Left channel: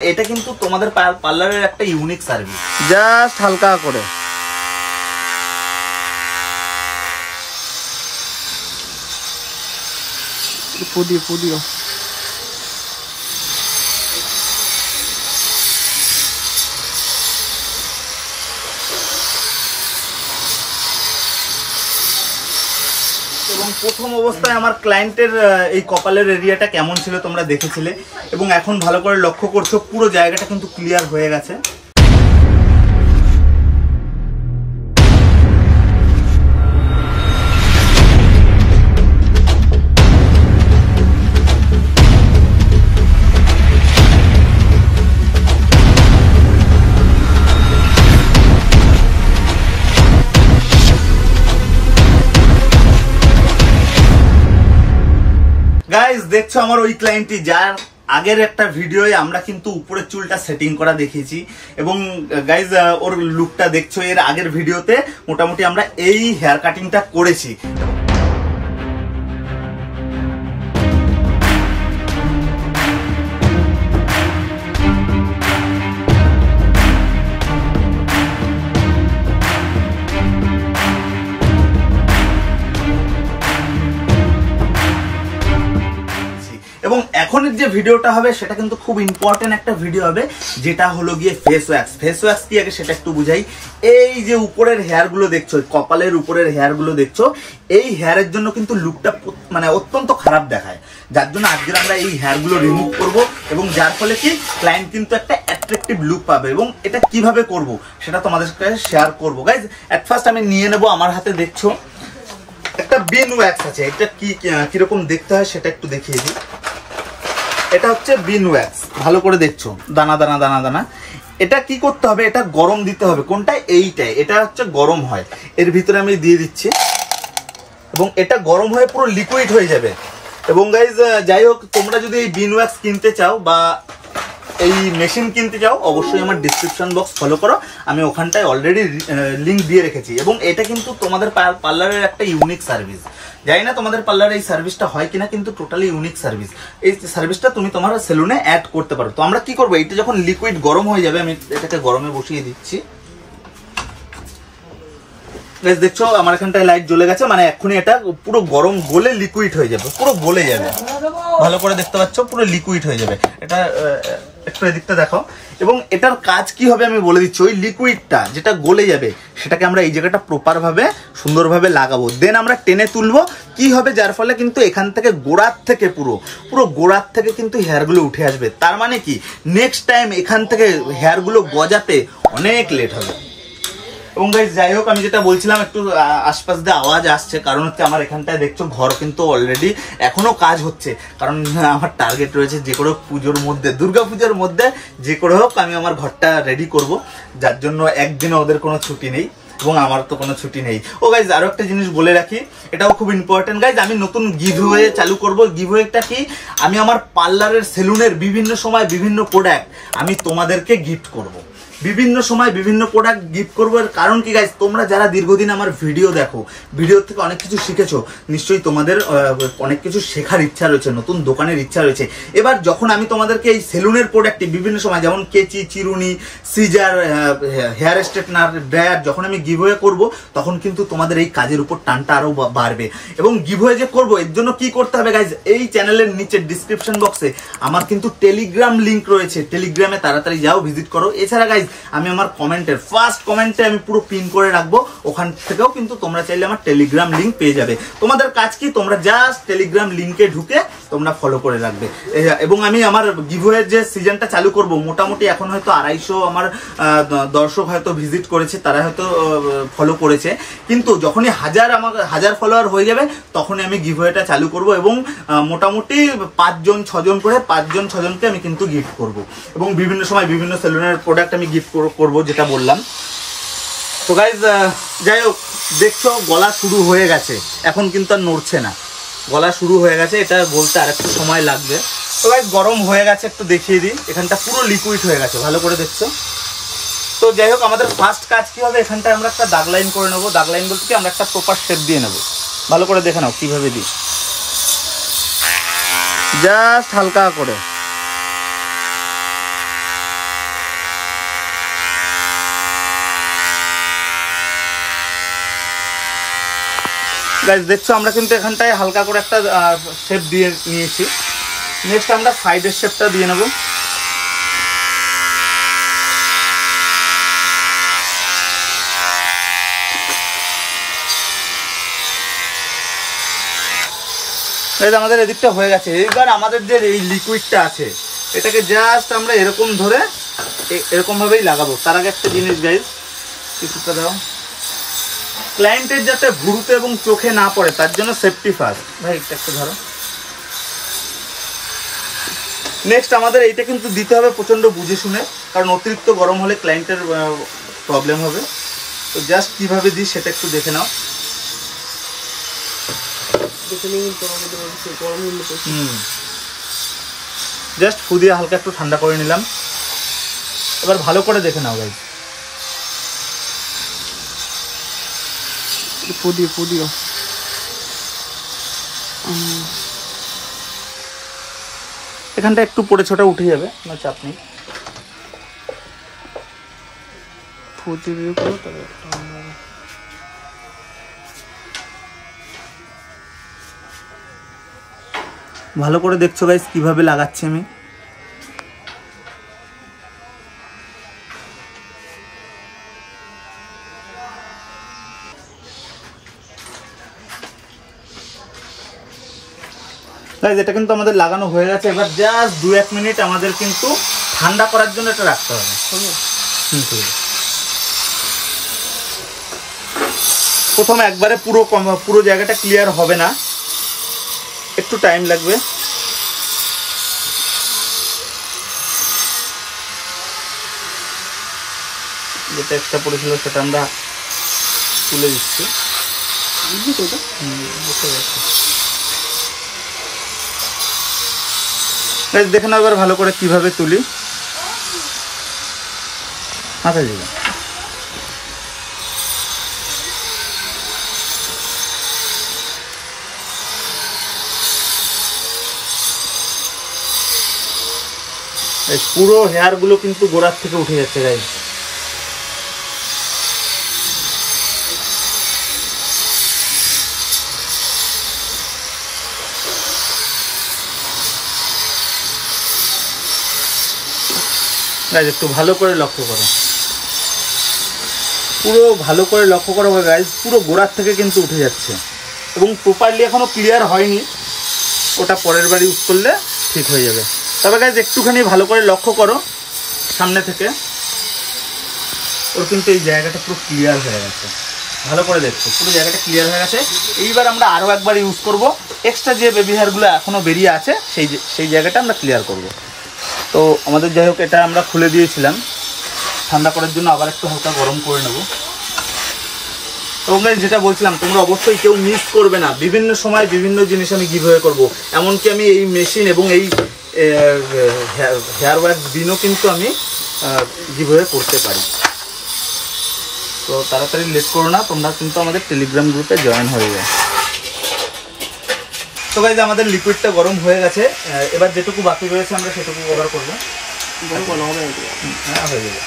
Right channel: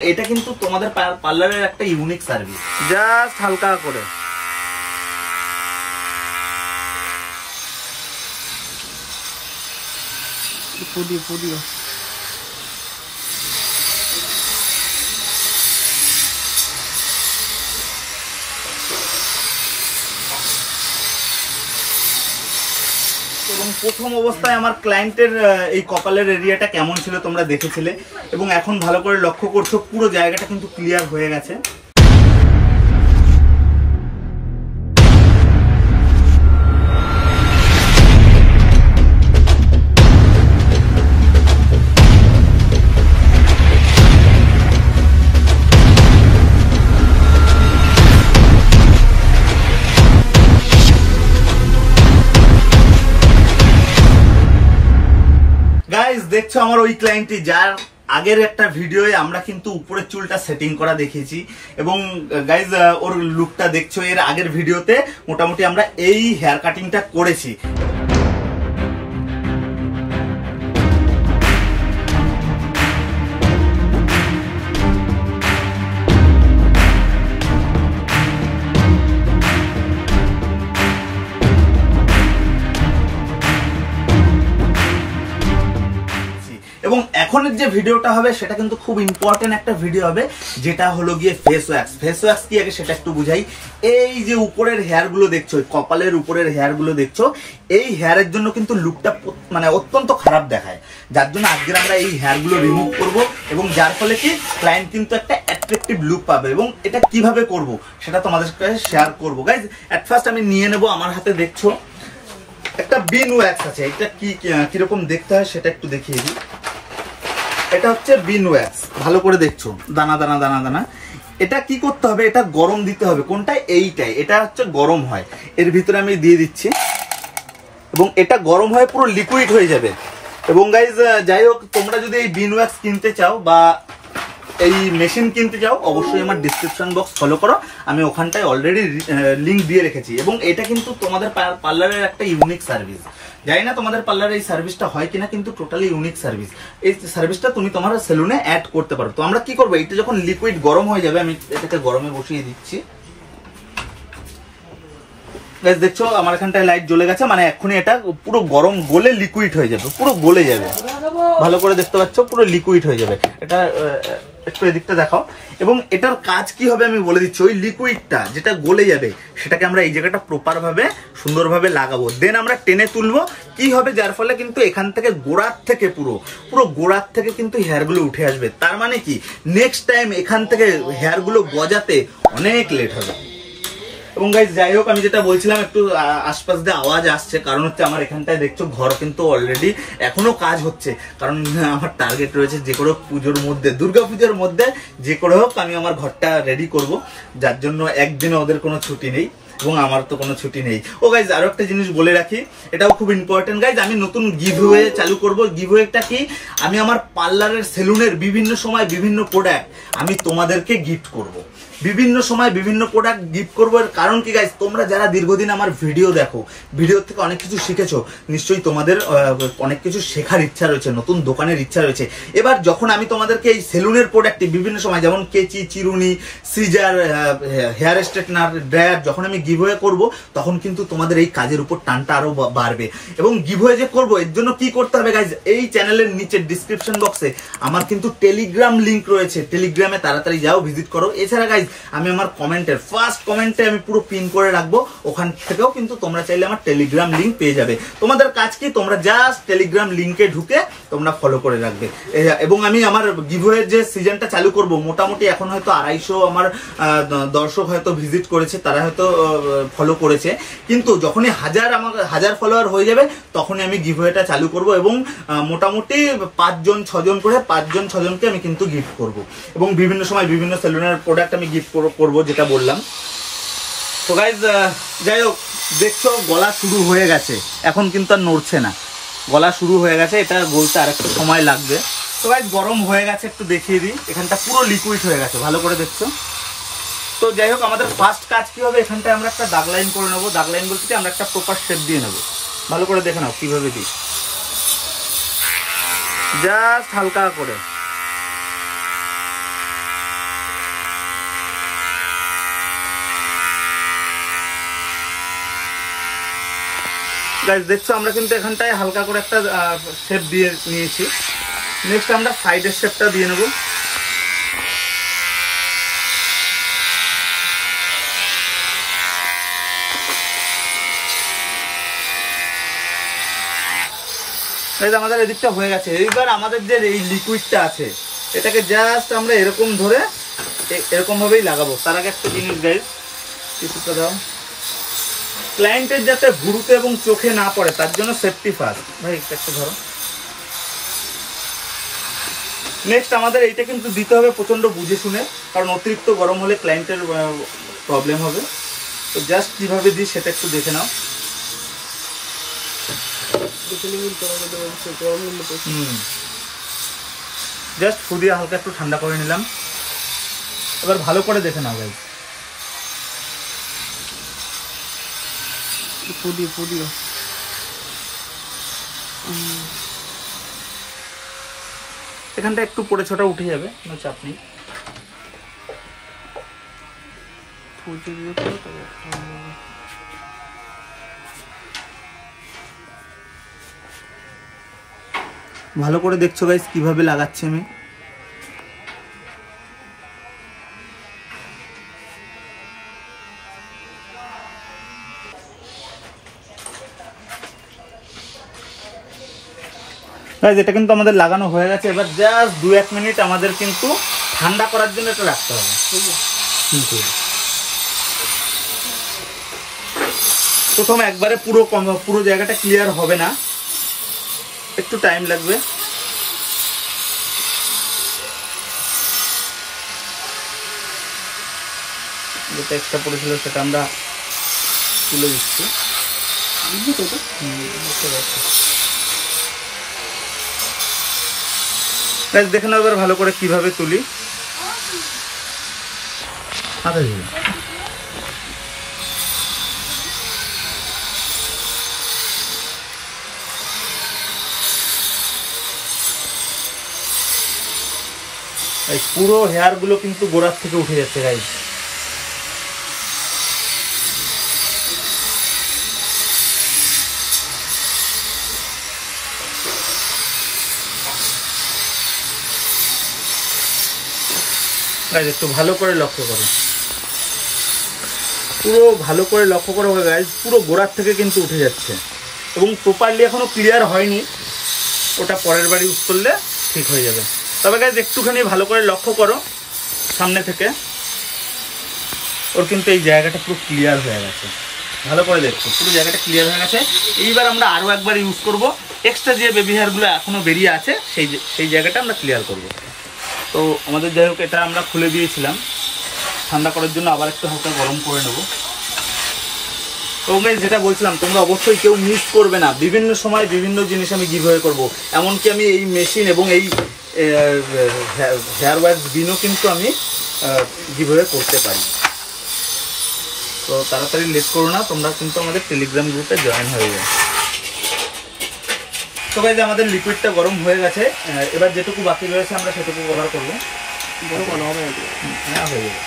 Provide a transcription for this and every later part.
এটা কিন্তু তোমাদের পার্লারের একটা ইউনিক সার্ভিস। জাস্ট হালকা করে ফুদিও এবং প্রথম অবস্থায় আমার ক্লায়েন্টের এই কপালের এরিয়াটা কেমন ছিল তোমরা দেখেছিলে, এবং এখন ভালো করে লক্ষ্য করছো পুরো জায়গাটা কিন্তু ক্লিয়ার হয়ে গেছে। গাইজ দেখছো আমার ওই ক্লায়েন্টটি, যার আগের একটা ভিডিওয়ে আমরা কিন্তু উপরের চুলটা সেটিং করা দেখিয়েছি, এবং গাইজ ওর লুকটা দেখছো এর আগের ভিডিওতে মোটামুটি আমরা এই হেয়ার কাটিংটা করেছি। এবং এখনের যে ভিডিওটা হবে সেটা কিন্তু খুব ইম্পর্টেন্ট একটা ভিডিও হবে, যেটা হলো গিয়ে ফেস ওয়্যাক্স। ফেস ওয়্যাক্স কি আগে সেটা একটু বুঝাই। এই যে উপরের হেয়ার গুলো দেখছো, কপালের উপরের হেয়ার গুলো দেখছো, এই হেয়ারের জন্য কিন্তু লুকটা মানে অত্যন্ত খারাপ দেখায়, যার জন্য আজকে আমরা এই হেয়ার গুলো রিমুভ করব, এবং যার ফলে কি ক্লায়েন্ট কিন্তু একটা অ্যাট্রাকটিভ লুক পাবে। এবং এটা কিভাবে করব সেটা তোমাদের সাথে শেয়ার করবো। গাইজ এট ফার্স্ট আমি নিয়ে নেবো, আমার হাতে দেখছো একটা বিন ওয়্যাক্স আছে। এটা কিরকম দেখতে হয় সেটা একটু দেখিয়ে দিই। এটা হচ্ছে বিন ওয়্যাক্স, ভালো করে দেখছো দানা দানা দানা দানা। এটা কি করতে হবে, এটা গরম দিতে হবে। কোনটা? এইটাই, এটা হচ্ছে গরম হয়। এর ভিতরে আমি দিয়ে দিচ্ছি, এবং এটা গরম হয়ে পুরো লিকুইড হয়ে যাবে। এবং গাইজ যাই হোক, তোমরা যদি এই বিন ওয়্যাক্স কিনতে চাও বা এই মেশিন কিনতে চাও, অবশ্যই আমার ডিসক্রিপশন বক্স ফলো করো, আমি ওখানটায় অলরেডি লিঙ্ক দিয়ে রেখেছি। এবং এটা কিন্তু তোমাদের পার্লারের একটা ইউনিক সার্ভিস। জানি না তোমাদের পার্লারে এই সার্ভিসটা হয় কিনা, কিন্তু টোটালি ইউনিক সার্ভিস। এই সার্ভিসটা তুমি তোমার সেলুনে অ্যাড করতে পারো। তো আমরা কি করবো, এটা যখন লিকুইড গরম হয়ে যাবে, আমি এটাকে গরমে বসিয়ে দিচ্ছি। দেখছো আমার এখানটায় লাইট জ্বলে গেছে, মানে এক্ষুনি এটা পুরো গরম গলে লিকুইড হয়ে যাবে, পুরো গলে যাবে। ভালো করে দেখতে পাচ্ছ, পুরো লিকুইড হয়ে যাবে। এটা একটু এদিকটা দেখাও। এবং এটার কাজ কি হবে আমি বলে দিচ্ছি। ওই লিকুইডটা যেটা গলে যাবে সেটাকে আমরা এই জায়গাটা প্রপার ভাবে সুন্দরভাবে লাগাবো, দেন আমরা টেনে তুলবো। কি হবে, যার ফলে কিন্তু এখান থেকে গোড়ার থেকে পুরো গোড়ার থেকে কিন্তু হেয়ারগুলো উঠে আসবে। তার মানে কি, নেক্সট টাইম এখান থেকে হেয়ারগুলো গজাতে অনেক লেট হবে। এবং গাইজ যাই হোক, আমি যেটা বলছিলাম, একটু আশপাশ দিয়ে আওয়াজ আসছে, কারণ হচ্ছে আমার এখানটায় দেখছো ঘর কিন্তু অলরেডি এখনো কাজ হচ্ছে। কারণ আমার টার্গেট রয়েছে যে করে পুজোর মধ্যে, দুর্গাপুজোর মধ্যে যে করে হোক আমি আমার ঘরটা রেডি করব, যার জন্য একদিনও ওদের কোনো ছুটি নেই এবং আমার তো কোনো ছুটি নেই। ও গাইজ আরো একটা জিনিস বলে রাখি, এটাও খুব ইম্পর্টেন্ট গাইজ, আমি নতুন গিভওয়ে চালু করব। গিভওয়েটা কি, আমি আমার পার্লারের সেলুনের বিভিন্ন সময় বিভিন্ন প্রোডাক্ট আমি তোমাদেরকে গিফট করব। বিভিন্ন সময় বিভিন্ন প্রোডাক্ট গিফট করবো। এর কারণ কি গাইজ, তোমরা যারা দীর্ঘদিন আমার ভিডিও দেখো, ভিডিও থেকে অনেক কিছু শিখেছো, নিশ্চয়ই তোমাদের অনেক কিছু শেখার ইচ্ছা রয়েছে, নতুন দোকানের ইচ্ছা রয়েছে। এবার যখন আমি তোমাদেরকে এই সেলুনের প্রোডাক্ট বিভিন্ন সময়, যেমন কেচি, চিরুনি, সিজার, হেয়ার স্ট্রেটনার, ড্রায়ার, যখন আমি গিভওয়ে করব, তখন কিন্তু তোমাদের এই কাজের উপর টানটা আরো বাড়বে। এবং গিভওয়ে যে করবো, এর জন্য কি করতে হবে গাইজ, এই চ্যানেলের নিচে ডিসক্রিপশন বক্সে আমার কিন্তু টেলিগ্রাম লিঙ্ক রয়েছে, টেলিগ্রামে তাড়াতাড়ি যাও, ভিজিট করো। এছাড়া গাইজ আমি আমার কমেন্টের ফার্স্ট কমেন্টে আমি পুরো পিন করে রাখবো, ওখান থেকেও কিন্তু তোমরা চাইলে আমার টেলিগ্রাম লিঙ্ক পেয়ে যাবে। তোমাদের কাজ কি, তোমরা জাস্ট টেলিগ্রাম লিঙ্কে ঢুকে তোমরা ফলো করে রাখবে। এবং আমি আমার গিভওয়ের যে সিজনটা চালু করব, মোটামুটি এখন হয়তো 250 আমার দর্শক হয়তো ভিজিট করেছে, তারা হয়তো ফলো করেছে, কিন্তু যখনই আমার 1000 ফলোয়ার হয়ে যাবে, তখনই আমি গিভওয়েটা চালু করব। এবং মোটামুটি 5-6 জন করে 5-6 জনকে আমি কিন্তু গিফট করব। এবং বিভিন্ন সময় বিভিন্ন সেলুনের প্রোডাক্ট আমি গিফট করবো, যেটা বললাম। তো গাইজ যাই হোক, দেখছো গলা শুরু হয়ে গেছে, এখন কিন্তু আর নড়ছে না, গলা শুরু হয়ে গেছে। এটা বলতে আর একটু সময় লাগবে। তো গাইজ গরম হয়ে গেছে, একটু দেখিয়ে দিই। এখানটা পুরো লিকুইড হয়ে গেছে, ভালো করে দেখছো। তো যাই হোক, আমাদের ফার্স্ট কাজ কি হবে, এখানটায় আমরা একটা দাগ লাইন করে নেবো। দাগ লাইন বলতে কি, আমরা একটা প্রপার শেপ দিয়ে নেবো। ভালো করে দেখে নাও কিভাবে দিই, জাস্ট হালকা করে। গাইস দেখছো আমরা কিন্তু এখানটায় হালকা করে একটা শেপ দিয়ে নিয়েছি। নেক্সট আমরা সাইডের শেপটা দিয়ে নেব। আমাদের এদিকটা হয়ে গেছে। এইবার আমাদের যে এই লিকুইডটা আছে এটাকে জাস্ট আমরা এরকম ধরে এরকম ভাবেই লাগাবো। তার আগে একটা জিনিস গাইস, কিছুটা দাও, ক্লায়েন্টের যাতে ভুরুতে এবং চোখে না পড়ে তার জন্য সেফটি ফার্স্ট। ভাই একটা ধরো। নেক্সট আমাদের এইটা কিন্তু দিতে হবে প্রচন্ড বুঝে শুনে, কারণ অতিরিক্ত গরম হলে ক্লায়েন্টের প্রবলেম হবে। তো জাস্ট কিভাবে দিই সেটা একটু দেখে নাও। জাস্ট ফু দিয়ে হালকা একটু ঠান্ডা করে নিলাম। এবার ভালো করে দেখে নাও ভাই। ফু দিও। এখানটা একটু পড়ে ছোটা উঠে যাবে, কোনো চাপ নেই। ফু দিয়ে ভালো করে দেখছো গাইস কিভাবে লাগাচ্ছি আমি। গাইস এটা কিন্তু আমাদের লাগানো হয়ে গেছে। এবার জাস্ট 2-1 মিনিট আমাদের কিন্তু ঠান্ডা করার জন্য এটা রাখতে হবে। প্রথমে একবারে পুরো জায়গাটা ক্লিয়ার হবে না, একটু টাইম লাগবে। যেটা এক্সট্রা পড়েছিল সেটা আমরা তুলে দিচ্ছি। দেখে নাও এবার ভালো করে কিভাবে তুলি। আচ্ছা পুরো হেয়ার গুলো কিন্তু গোড়ার থেকে উঠে যাচ্ছে গাইস। গাইস একটু ভালো করে লক্ষ্য করো, পুরো ভালো করে লক্ষ্য করো গাইস, পুরো গোড়ার থেকে কিন্তু উঠে যাচ্ছে এবং প্রপারলি এখনো ক্লিয়ার হয়নি। ওটা পরের বার ইউজ করলে ঠিক হয়ে যাবে। তবে গাইস একটুখানি ভালো করে লক্ষ্য করো সামনে থেকে, ওর কিন্তু এই জায়গাটা পুরো ক্লিয়ার হয়ে গেছে। ভালো করে দেখছো পুরো জায়গাটা ক্লিয়ার হয়ে গেছে। এইবার আমরা আরও একবার ইউজ করব। এক্সট্রা যে বেবি হেয়ারগুলো এখনো বেরিয়ে আছে সেই জায়গাটা আমরা ক্লিয়ার করব। তো আমাদের যাই হোক এটা আমরা খুলে দিয়েছিলাম, ঠান্ডা করার জন্য আবার একটু হালকা গরম করে নেব। এবং গাইস যেটা বলছিলাম তোমরা অবশ্যই কেউ মিস করবে না। বিভিন্ন সময় বিভিন্ন জিনিস আমি গিভঅ্যাওয়ে করব। এমনকি আমি এই মেশিন এবং এই হেয়ার ওয়াশ বিনও কিন্তু আমি গিভঅ্যাওয়ে করতে পারি। তো তাড়াতাড়ি লেট করো না, তোমরা কিন্তু আমাদের টেলিগ্রাম গ্রুপে জয়েন হয়ে যাও। তো গাইস আমাদের লিকুইডটা গরম হয়ে গেছে। এবার যেটুকু বাকি রয়েছে আমরা সেটুকু কভার করব। হ্যাঁ হয়ে যাবে।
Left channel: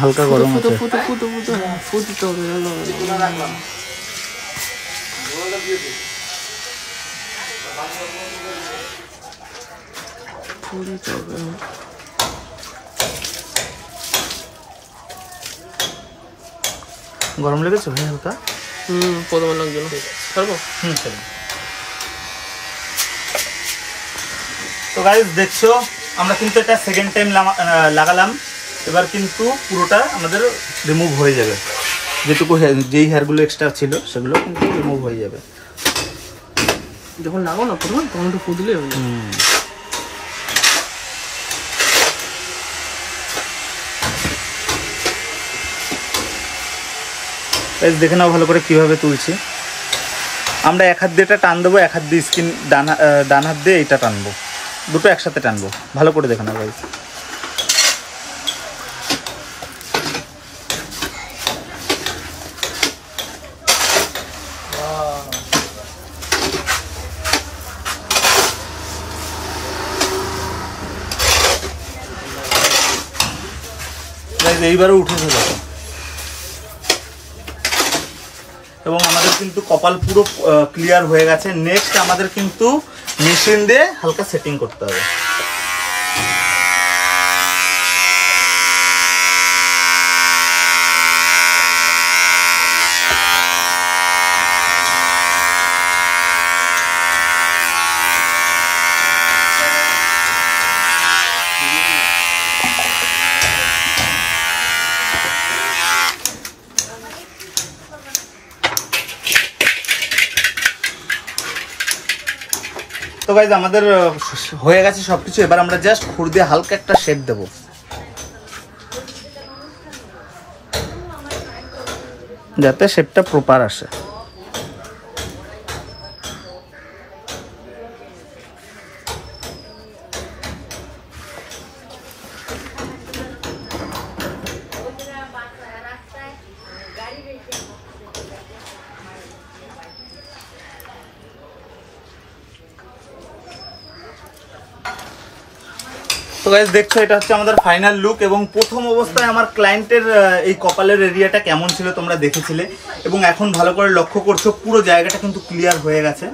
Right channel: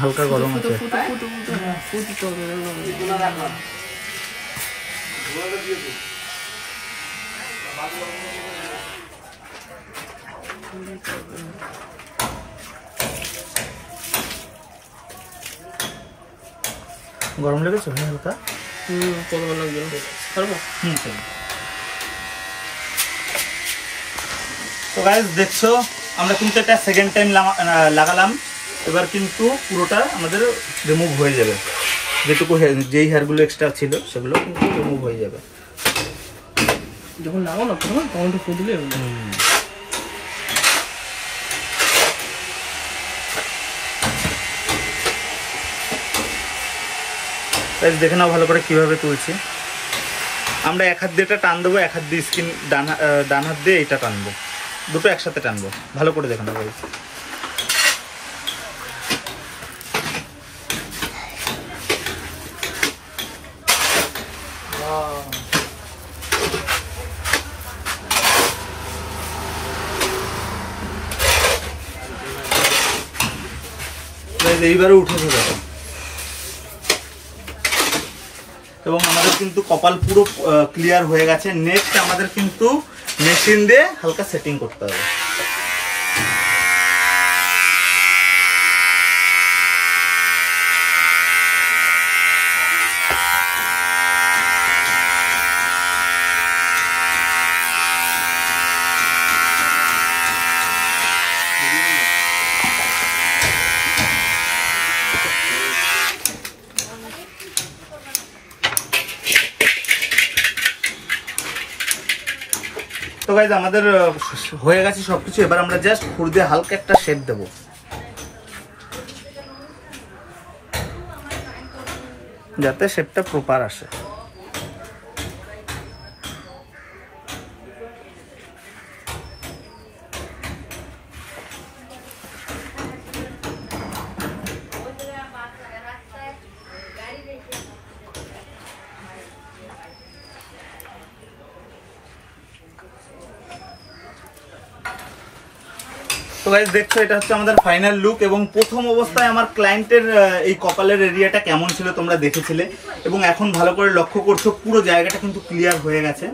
হালকা গরম আছে। গরম লেগেছে হালকা? প্রথমে লাগবে না। তো গাইস দেখছো আমরা কিন্তু এটা সেকেন্ড টাইম লাগালাম। এবার কিন্তু পুরোটা আমাদের রিমুভ হয়ে যাবে। যেটুকু যেই হেয়ারগুলো এক্সট্রা ছিল সেগুলো কিন্তু রিমুভ হয়ে যাবে। যখন লাগাও না প্রথমে তখন একটু ফু দিলে দেখে নাও ভালো করে কিভাবে তুলছি। আমরা এক হাত দিয়ে এটা টান দেবো, এক হাত দিয়ে স্কিন ডান হাত দিয়ে এটা টানবো। দুটো একসাথে টানবো, ভালো করে দেখে নাও গাইস। এইবারে উঠেছে দেখো, এবং আমাদের কিন্তু কপাল পুরো ক্লিয়ার হয়ে গেছে। নেক্সট আমাদের কিন্তু মেশিন দিয়ে হালকা সেটিং করতে হবে। তো গাইজ আমাদের হয়ে গেছে সবকিছু। এবার আমরা জাস্ট খুর দিয়ে হালকা একটা শেড দেব, যাতে শেডটা প্রপার আসে। তো গাইস দেখছো, এটা হচ্ছে আমাদের ফাইনাল লুক। এবং প্রথম অবস্থায় আমার ক্লায়েন্টের এই কপালের এরিয়াটা কেমন ছিল তোমরা দেখেছিলে, এবং এখন ভালো করে লক্ষ্য করছো পুরো জায়গাটা কিন্তু ক্লিয়ার হয়ে গেছে।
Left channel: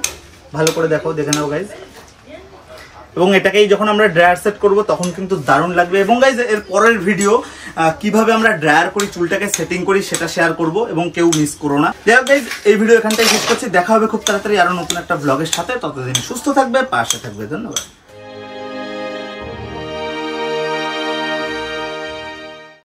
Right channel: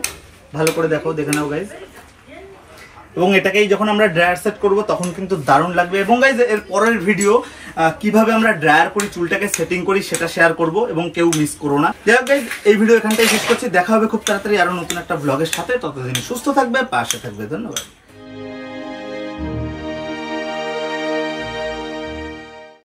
ভালো করে দেখো, দেখে নাও গাইস। এবং এটাকেই যখন আমরা ড্রায়ার সেট করব তখন কিন্তু দারুণ লাগবে। এবং গাইস এর পরের ভিডিও কিভাবে আমরা ড্রায়ার করি, চুলটাকে সেটিং করি, সেটা শেয়ার করব, এবং কেউ মিস করো না। যাই হোক গাইস, এই ভিডিও এখানটাই শেষ করছি। দেখা হবে খুব তাড়াতাড়ি আরো নতুন একটা ব্লগের সাথে। ততদিন সুস্থ থাকবে, পাশে থাকবে। ধন্যবাদ।